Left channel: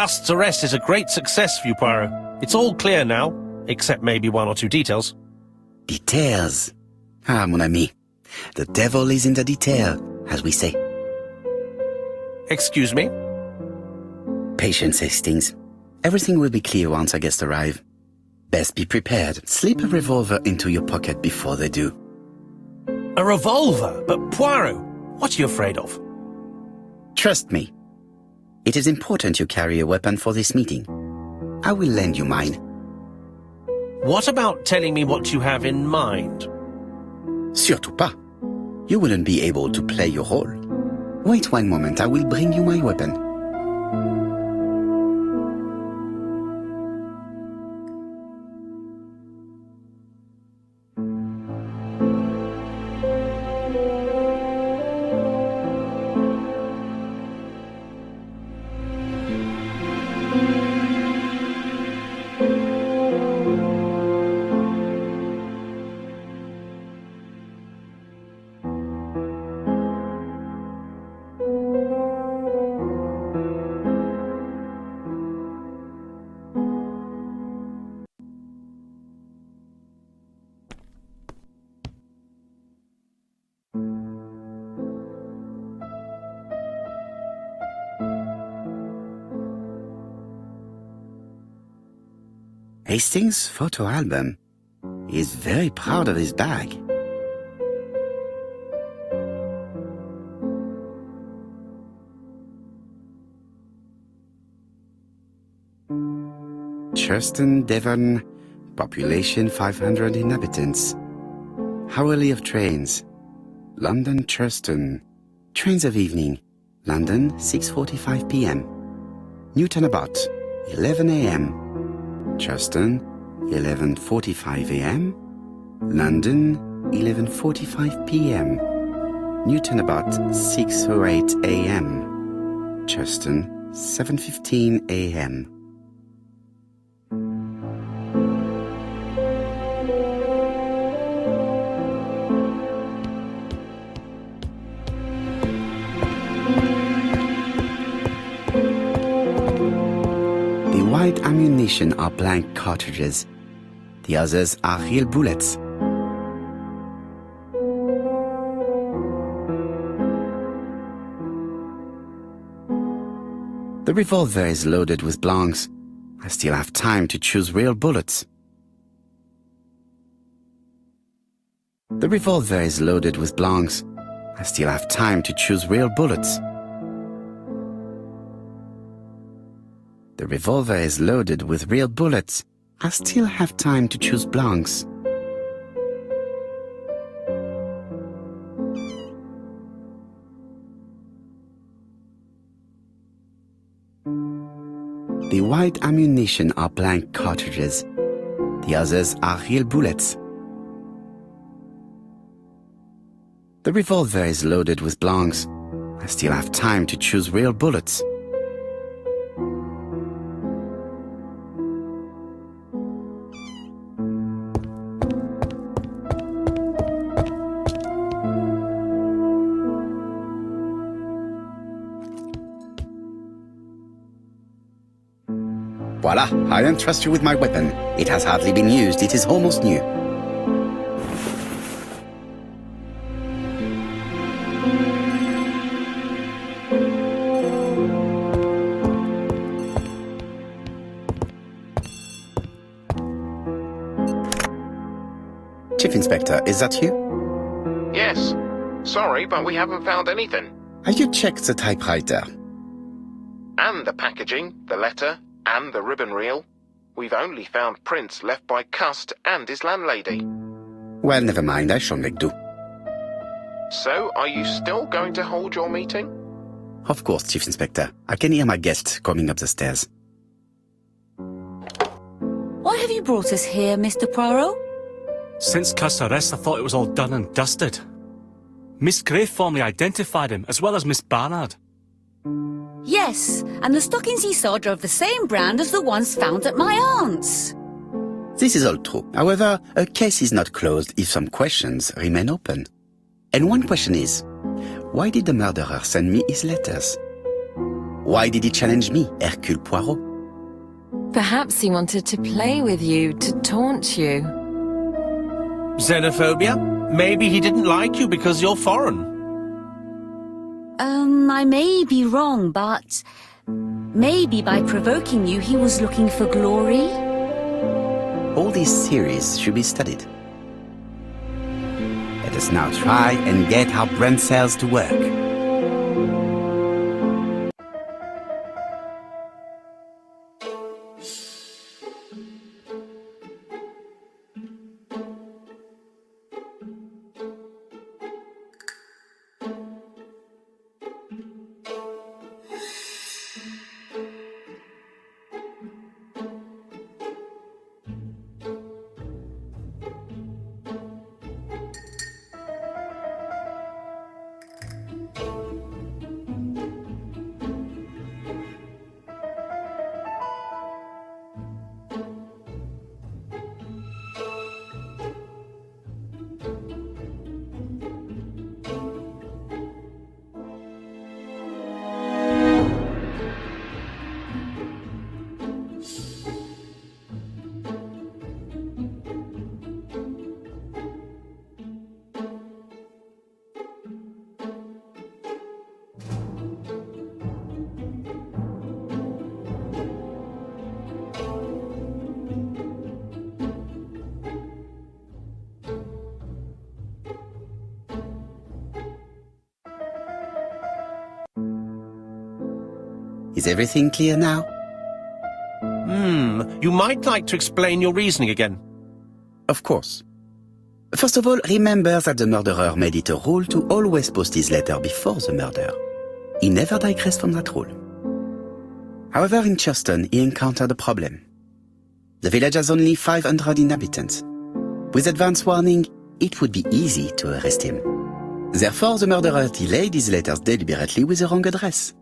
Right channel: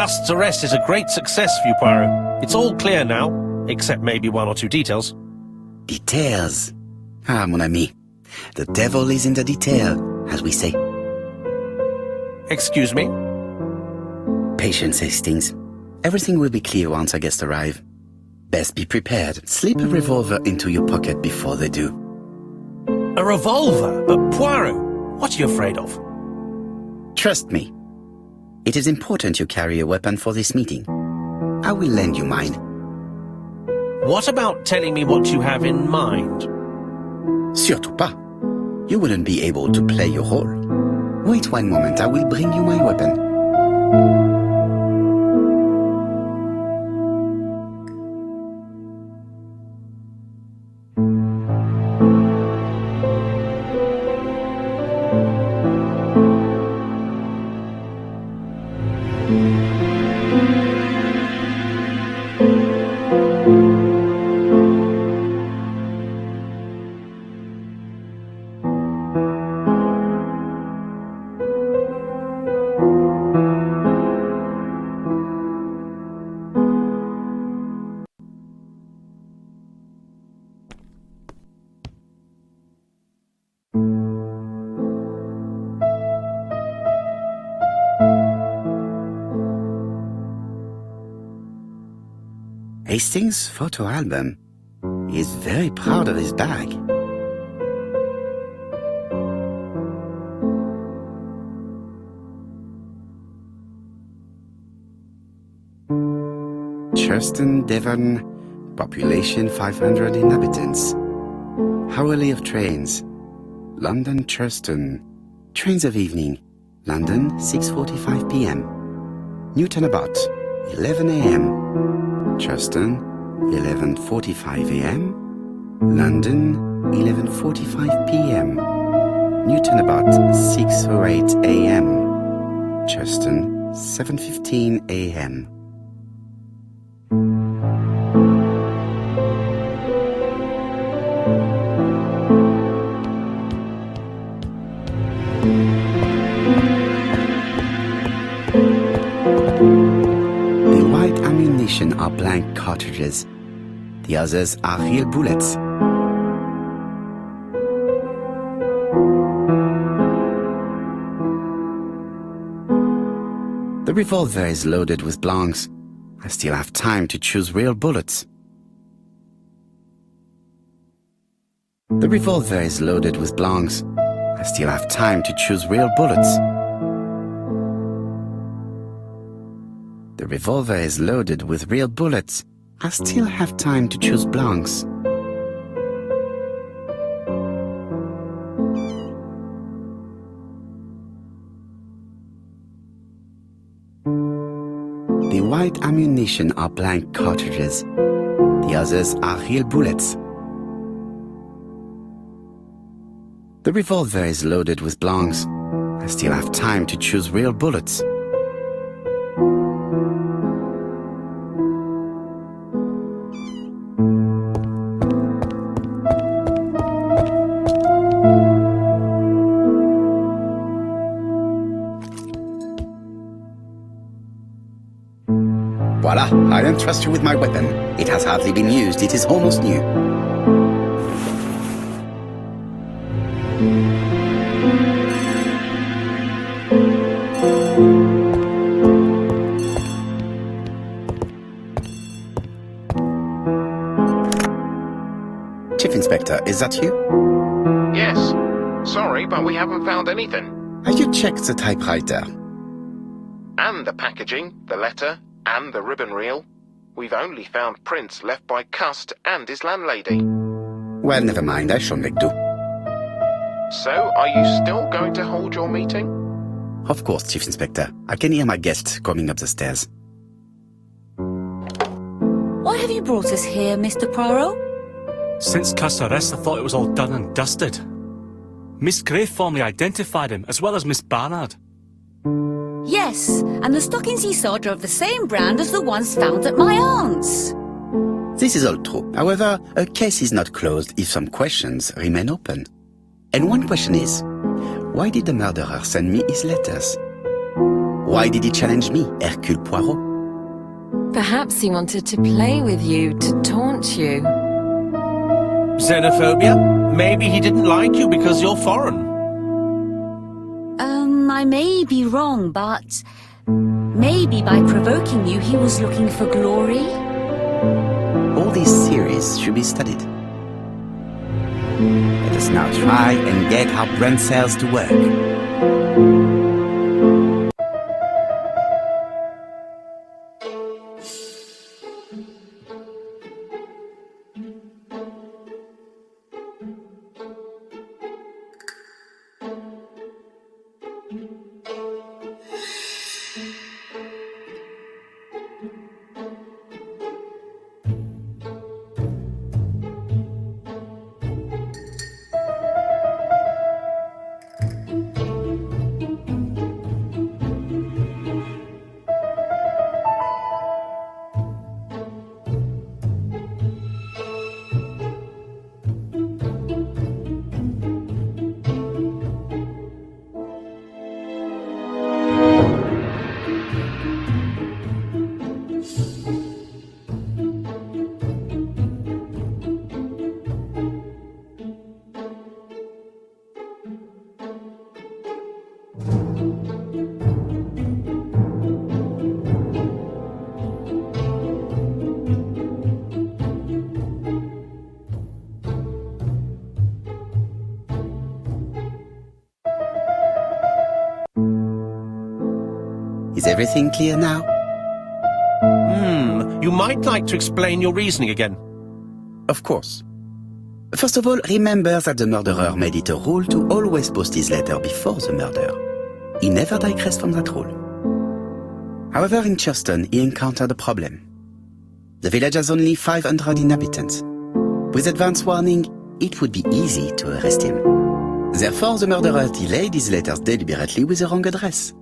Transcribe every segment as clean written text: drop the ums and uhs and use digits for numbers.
Cust's arrest is a great success for you, Poirot. It's all clear now, except maybe one or two details. Details. Ah, mon ami. The devil is in the detail, as we say. Excuse me? Patience, Hastings. Everything will be clear once our guests arrive. Best be prepared. Slip a revolver into your pocket before they do. A revolver? But Poirot, what are you afraid of? Trust me. It is important you carry a weapon for this meeting. I will lend you mine. What about telling me what you have in mind? Surtout pas. You wouldn't be able to play your role. Wait one moment, I will bring you my weapon. Hastings' photo album. He is very proud of his bag. Churston, Devon, population 500 inhabitants. Hourly of trains. London, Churston. Trains of evening. London, 6:45 p.m. Newton about, 11 a.m. Churston, 11:45 a.m. London, 11:45 p.m. Newton about 6:08 a.m. Churston, 7:15 a.m. The white ammunition are blank cartridges. The others are real bullets. The revolver is loaded with blanks. I still have time to choose real bullets. The revolver is loaded with blanks. I still have time to choose real bullets. The revolver is loaded with real bullets. I still have time to choose blanks. The white ammunition are blank cartridges. The others are real bullets. The revolver is loaded with blanks. I still have time to choose real bullets. Voila, I entrust you with my weapon. It has hardly been used, it is almost new. Chief Inspector, is that you? Yes. Sorry, but we haven't found anything. Have you checked the typewriter? And the packaging, the letter, and the ribbon reel. We've only found prints left by Cust and his landlady. Well, never mind, I shall make do. So, are you still going to hold your meeting? Of course, Chief Inspector. I can hear my guest coming up the stairs. Why have you brought us here, Mr. Poirot? Since Cust's arrest, I thought it was all done and dusted. Miss Gray formally identified him, as well as Miss Barnard. Yes, and the stockings he saw drove the same brand as the ones found at my aunt's. This is all true. However, a case is not closed if some questions remain open. And one question is, why did the murderer send me his letters? Why did he challenge me, Hercule Poirot? Perhaps he wanted to play with you, to taunt you. Xenophobia? Maybe he didn't like you because you're foreign. I may be wrong, but maybe by provoking you he was looking for glory? All these theories should be studied. Let us now try and get our brain cells to work. Is everything clear now? You might like to explain your reasoning again. Of course. First of all, remember that the murderer made it a rule to always post his letter before the murder. He never digressed from that rule. However, in Churston, he encountered a problem. The village has only 500 inhabitants. With advance warning, it would be easy to arrest him. Therefore, the murderer delayed his letters deliberately with the wrong address.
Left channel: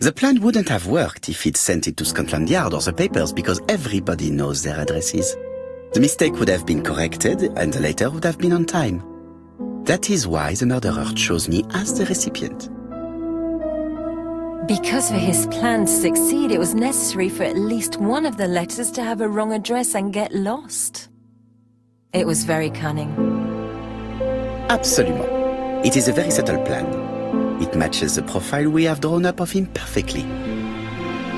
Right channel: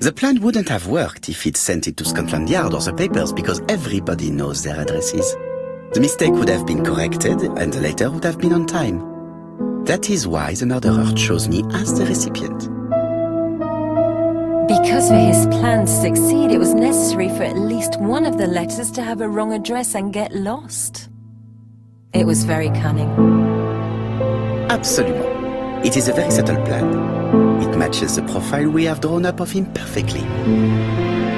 The plan wouldn't have worked if he'd sent it to Scotland Yard or the papers because everybody knows their addresses. The mistake would have been corrected and the letter would have been on time. That is why the murderer chose me as the recipient. Because for his plan to succeed, it was necessary for at least one of the letters to have a wrong address and get lost. It was very cunning. Absolument. It is a very subtle plan. It matches the profile we have drawn up of him perfectly.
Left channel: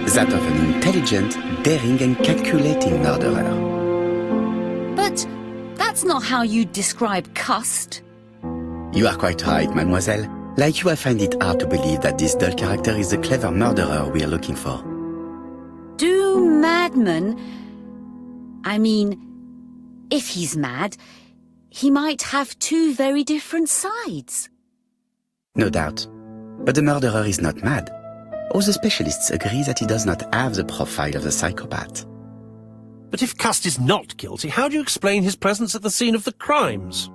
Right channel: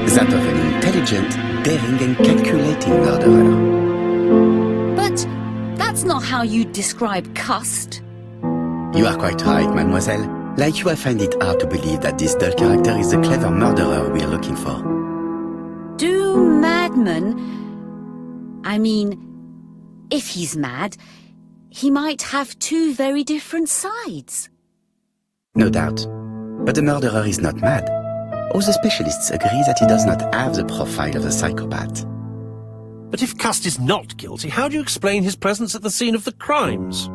That of an intelligent, daring and calculating murderer. But that's not how you describe Cust. You are quite right, mademoiselle. Like you, I find it hard to believe that this dull character is the clever murderer we are looking for. Do madmen... I mean, if he's mad, he might have two very different sides. No doubt. But the murderer is not mad. All the specialists agree that he does not have the profile of a psychopath. But if Cust is not guilty, how do you explain his presence at the scene of the crimes?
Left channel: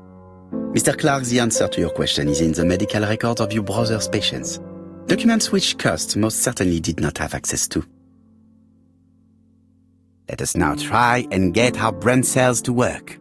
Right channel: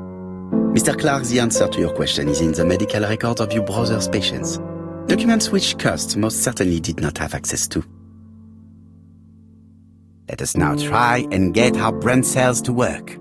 Mr. Clark, the answer to your question is in the medical records of your brother's patients. Documents which Cust most certainly did not have access to. Let us now try and get our brain cells to work.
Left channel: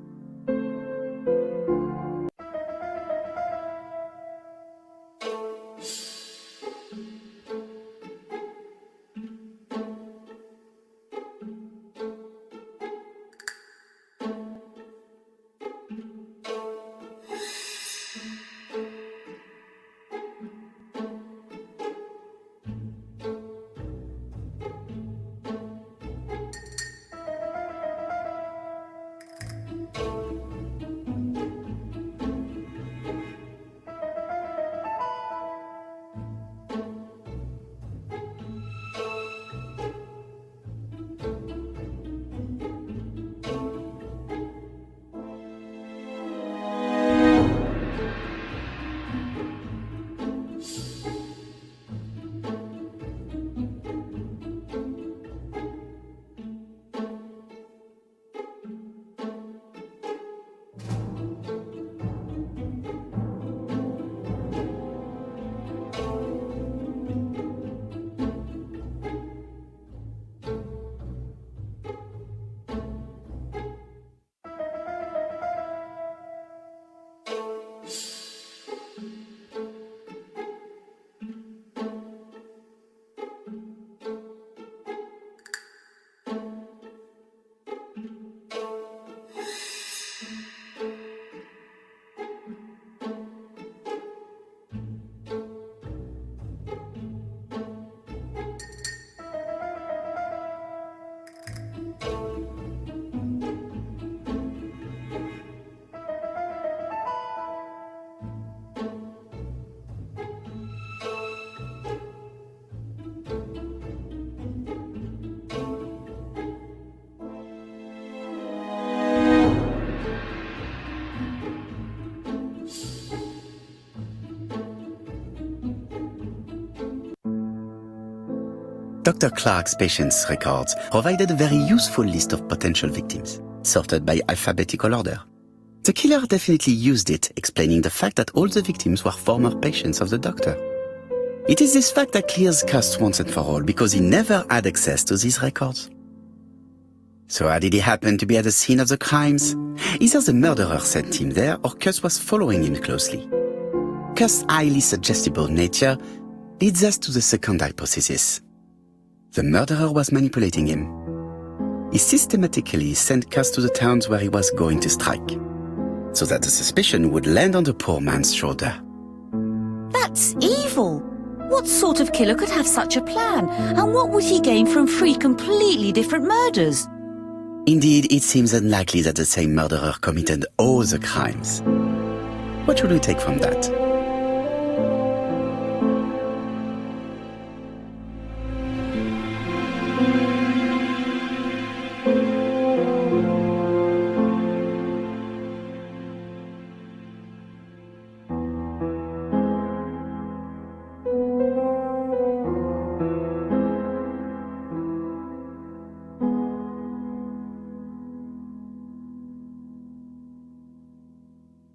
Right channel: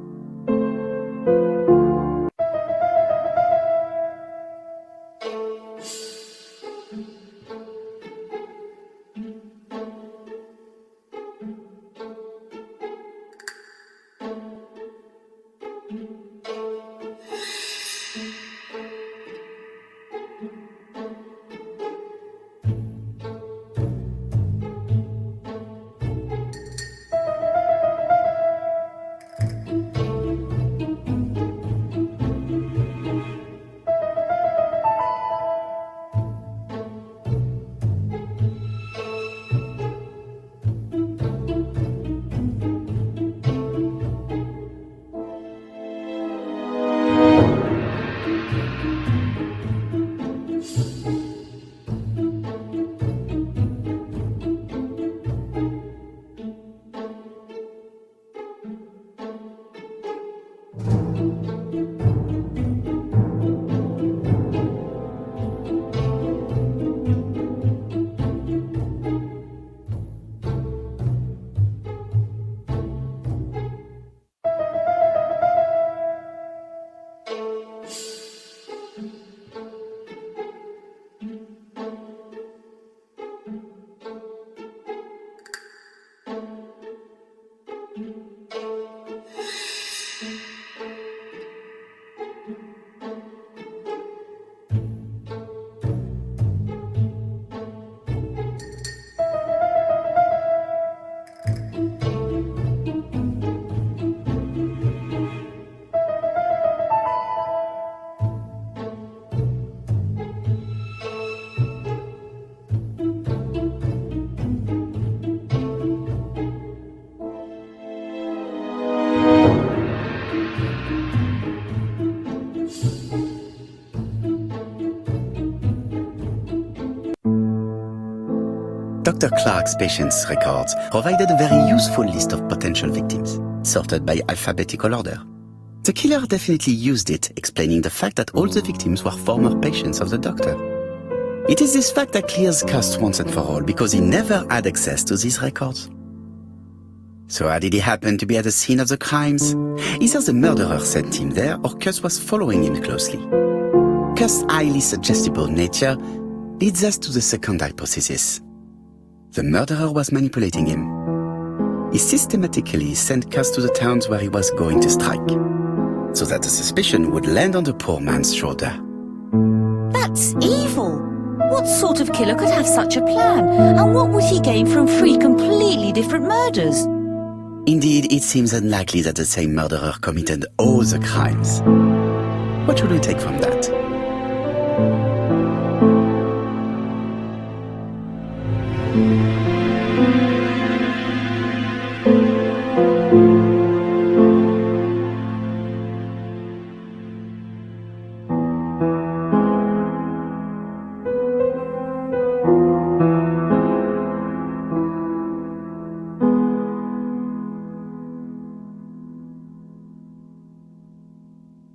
Dr. Clark's patient's records provided a very useful list of potential victims, sorted by alphabetical order. The killer definitely used it, explaining the fact that all the victims were former patients of the doctor. It is this fact that clears Cust once and for all, because he never had access to these records. So how did he happen to be at the scene of the crimes? Either the murderer sent him there, or Cust was following him closely. Cust's highly suggestible nature leads us to the second hypothesis. The murderer was manipulating him. He systematically sent Cust to the towns where he was going to strike, so that the suspicion would land on the poor man's shoulder. That's evil. What sort of killer could have such a plan? And what would he gain from 3 completely different murders? Indeed, it seems unlikely that the same murderer committed all the crimes. What should we take from that?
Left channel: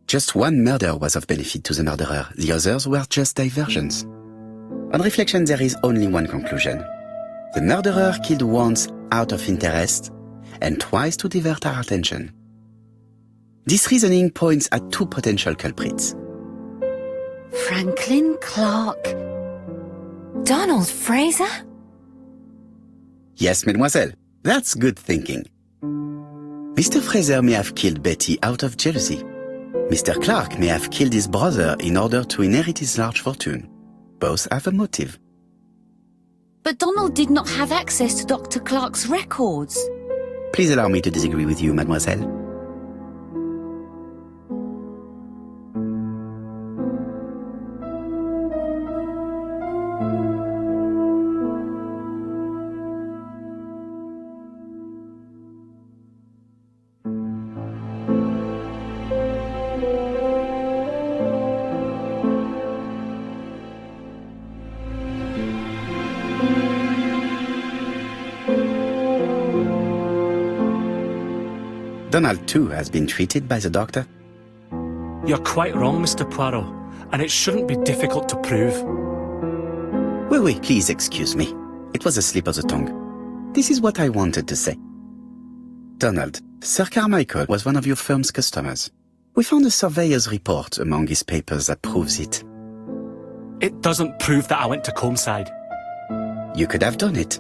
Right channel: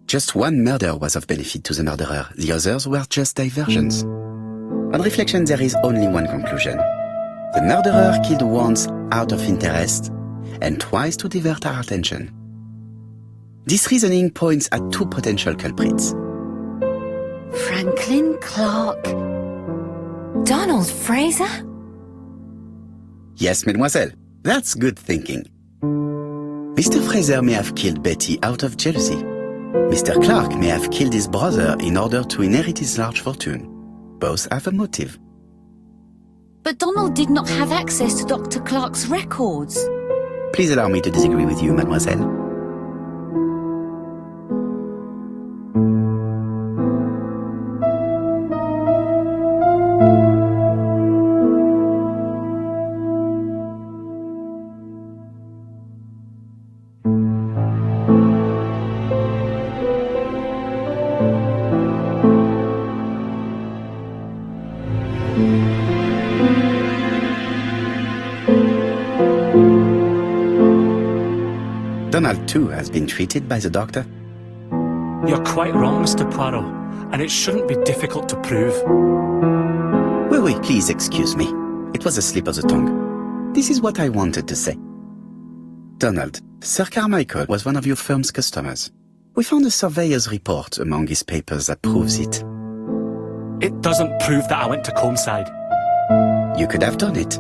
Just one murder was of benefit to the murderer, the others were just diversions. On reflection, there is only one conclusion. The murderer killed once out of interest, and twice to divert our attention. This reasoning points at 2 potential culprits. Franklin Clark. Donald Fraser? Yes, mademoiselle, that's good thinking. Mr. Fraser may have killed Betty out of jealousy. Mr. Clark may have killed his brother in order to inherit his large fortune. Both have a motive. But Donald did not have access to Dr. Clark's records. Please allow me to disagree with you, mademoiselle. Donald, too, has been treated by the doctor. You're quite wrong, Mr. Poirot, and it shouldn't be difficult to prove. Oui, please excuse me. It was a slip of the tongue. This is what I wanted to say. Donald, Sir Carmichael was one of your firm's customers. We found a surveyor's report among his papers that proves it. It doesn't prove that I went to Comeside. You could have done it.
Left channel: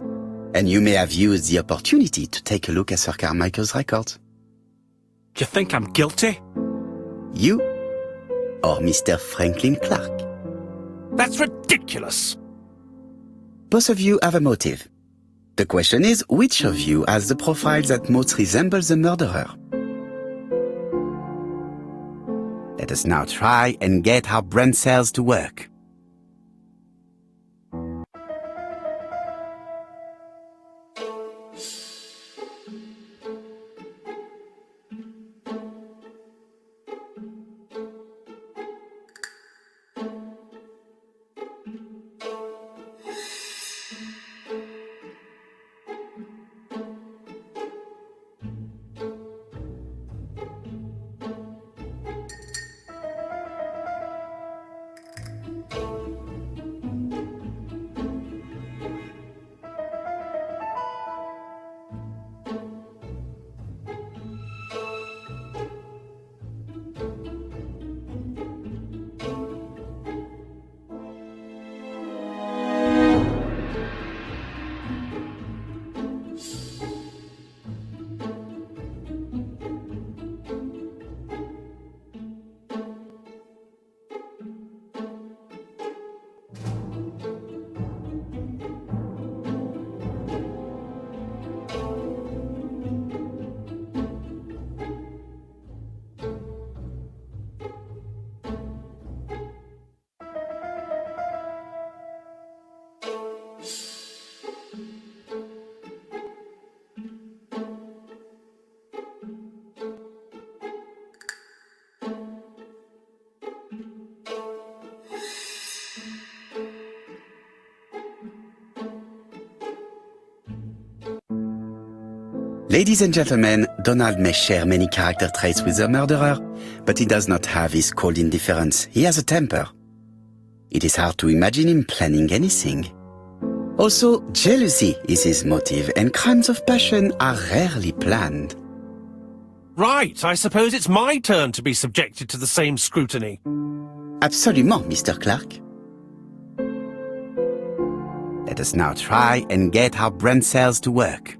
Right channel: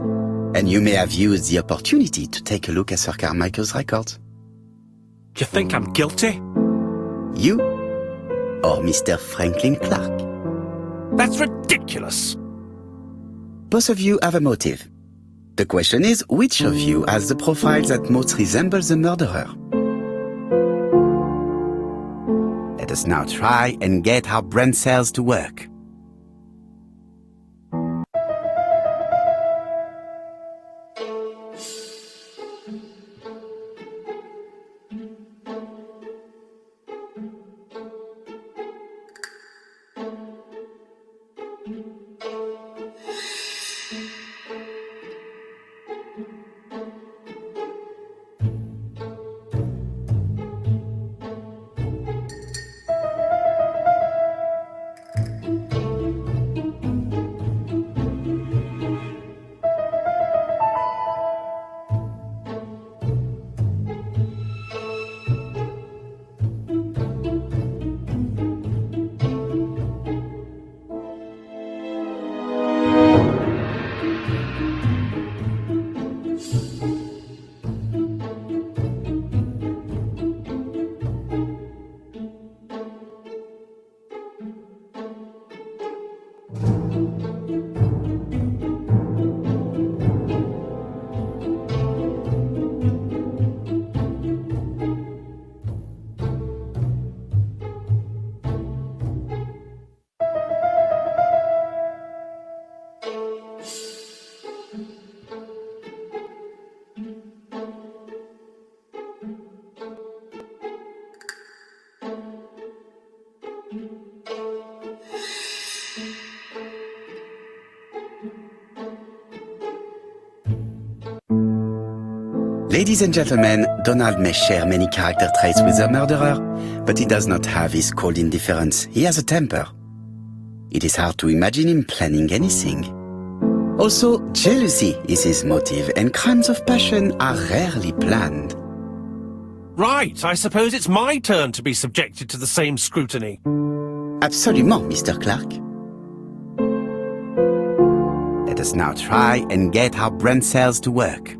And you may have used the opportunity to take a look at Sir Carmichael's records. You think I'm guilty? You or Mr. Franklin Clark? That's ridiculous. Both of you have a motive. The question is, which of you has the profile that most resembles the murderer? Let us now try and get our brain cells to work. Ladies and gentlemen, Donald may share many character traits with the murderer, but he does not have his cold indifference. He has a temper. It is hard to imagine him planning anything. Also, jealousy is his motive, and crimes of passion are rarely planned. Right, I suppose it's my turn to be subjected to the same scrutiny. Absolument, Mr. Clark. Let us now try and get our brain cells to work.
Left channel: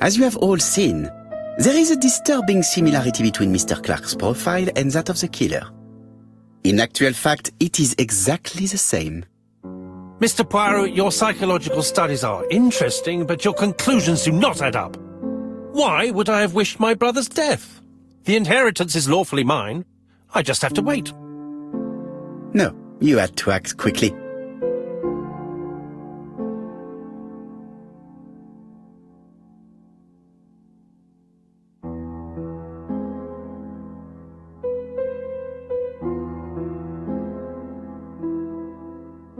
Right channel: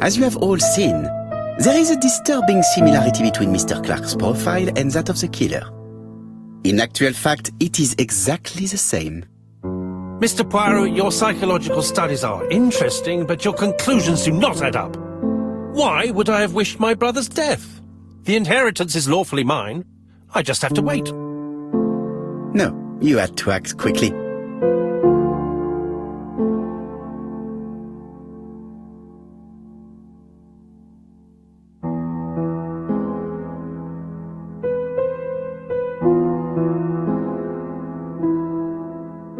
As you have all seen, there is a disturbing similarity between Mr. Clark's profile and that of the killer. In actual fact, it is exactly the same. Mr. Poirot, your psychological studies are interesting, but your conclusions do not add up. Why would I have wished my brother's death? The inheritance is lawfully mine. I just have to wait. No, you had to act quickly.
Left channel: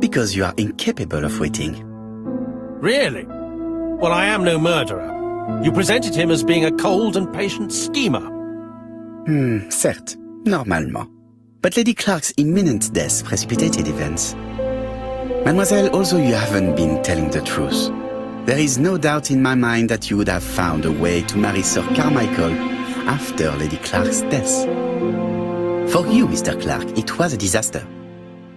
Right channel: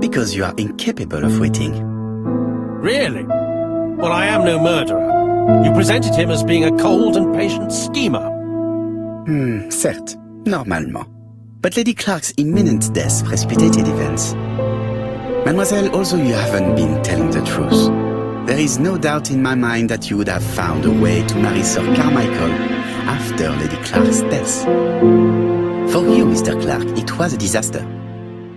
Because you are incapable of waiting. Really? Well, I am no murderer. You presented him as being a cold and patient schemer. Certes, normalement. But Lady Clark's imminent death precipitated events. Mademoiselle, although you haven't been telling the truth, there is no doubt in my mind that you would have found a way to marry Sir Carmichael after Lady Clark's death. For you, Mr. Clark, it was a disaster.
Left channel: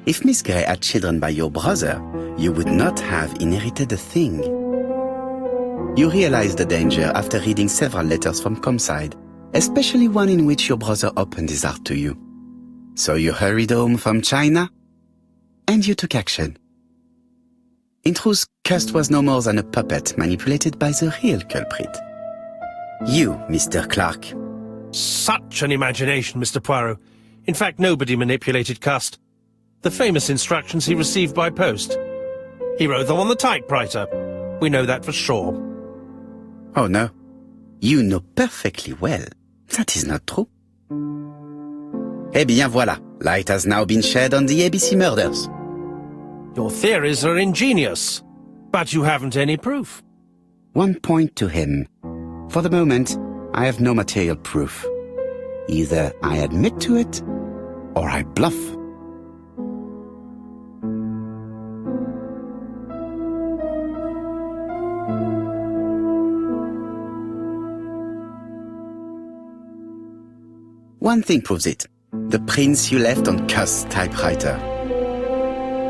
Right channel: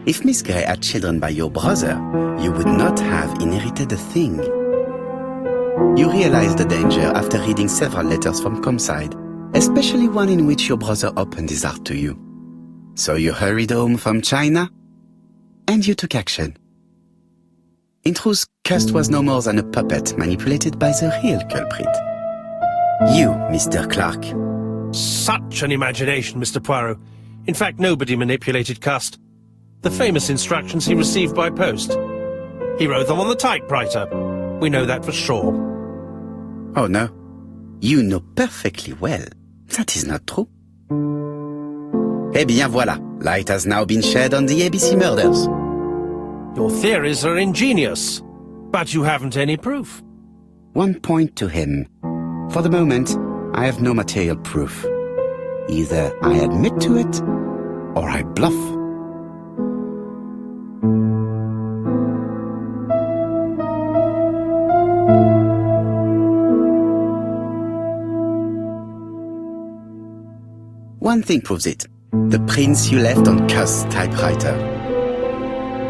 If Miss Grey had children by your brother, you would not have inherited a thing. You realized the danger after reading several letters from Comside, especially one in which your brother opened his heart to you. So you hurried home from China, and you took action. In truth, Cust was no more than a puppet manipulated by the real culprit. You, Mr. Clark. Such an imagination, Mr. Poirot. In fact, nobody manipulated Cust. The famous instructions he received by post. He wrote them on the typewriter. We know that for sure. Oh no, you know perfectly well. That is not true. Eh bien voilà, light has now been shed on the A.B.C Murders. Your theories are ingenious, but you haven't any proof. One point to him. For the moment, I have no material proof. Either I admit to it, or I bluff. One thing proves it. The prints you left on Cust's typewriter.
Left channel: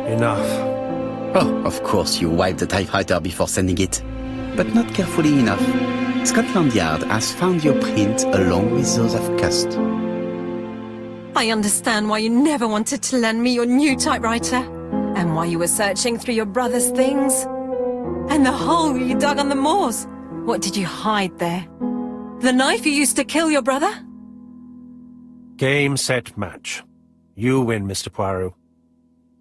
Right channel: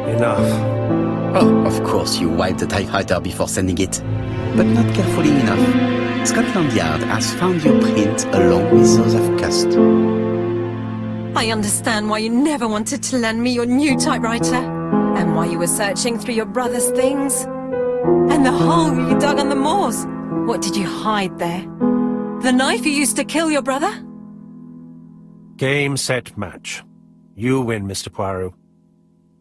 Enough. Oh, of course you wiped the typewriter before sending it. But not carefully enough. Scotland Yard has found your print along with those of Cust. I understand why you never wanted to lend me your new typewriter, and why you were searching through your brother's things. And the hole you dug on the moors. What did you hide there? The knife you used to kill your brother? Game, set, match. You win, Mr. Poirot.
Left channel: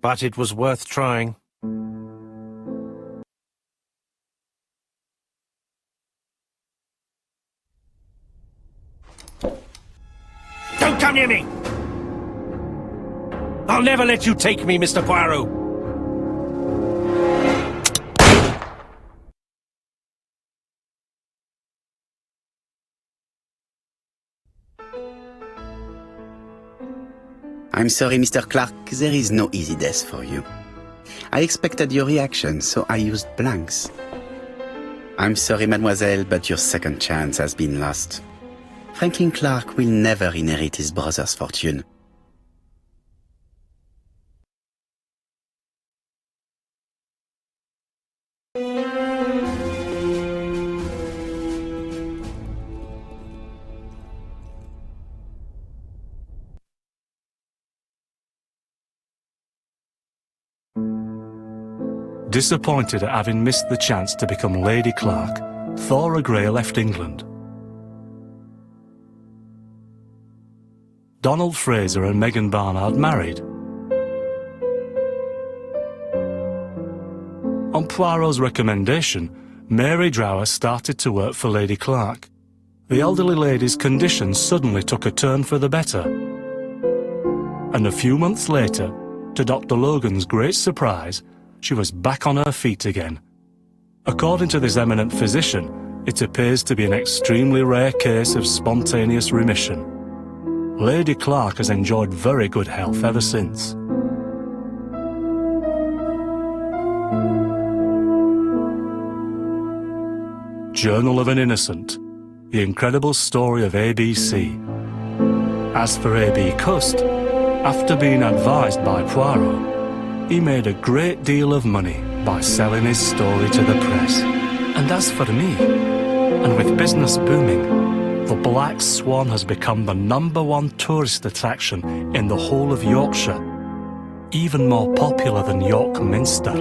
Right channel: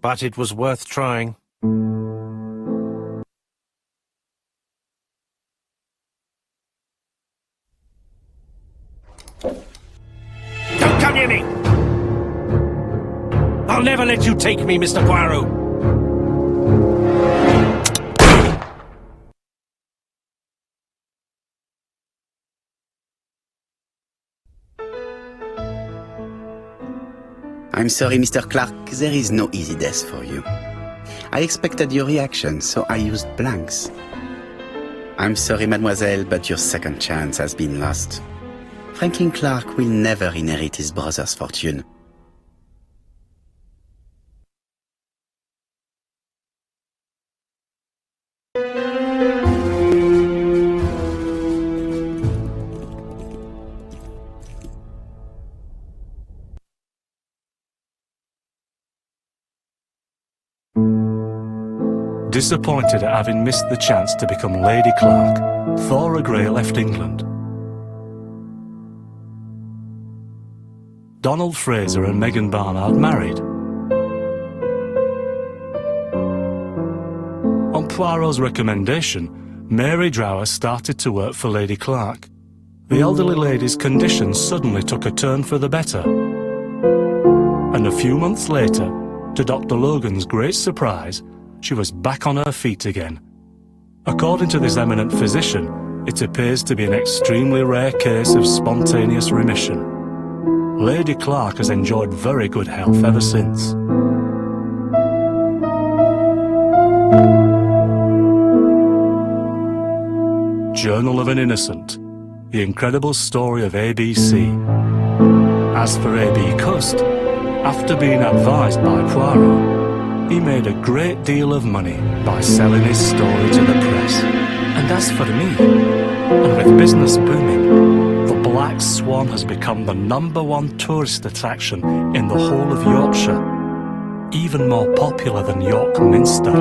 But it was worth trying. Don't come near me! I'll never let you take me, Mr. Poirot! I'm sorry, Mr. Clark, there is no easy death for you. I expected your reaction, so I used blanks. I'm sorry, mademoiselle, but your second chance has been lost. Franklin Clark will never inherit his brother's fortune. Disappointed at having missed the chance to become Lady Clark, Thora Grey left England. Donald Fraser and Megan Barnard married. On Poirot's recommendation, Mary Drower started to work for Lady Clark. The elderly lady's condition suddenly took a turn for the better. And a few months later, to Dr. Logan's great surprise, she was back on her feet again. According to this eminent physician, it appears to be an extremely rare case of spontaneous remission. Lady Clark has enjoyed very good health ever since. Journal of an Innocent, the incredible story of A.B.C. As for A.B. Cust, after being advised by Poirot, he made a great deal of money by selling his story to the press. And as for me, and with business booming, the Black Swan has become the #1 tourist attraction in the whole of Yorkshire, even more popular than York Minster.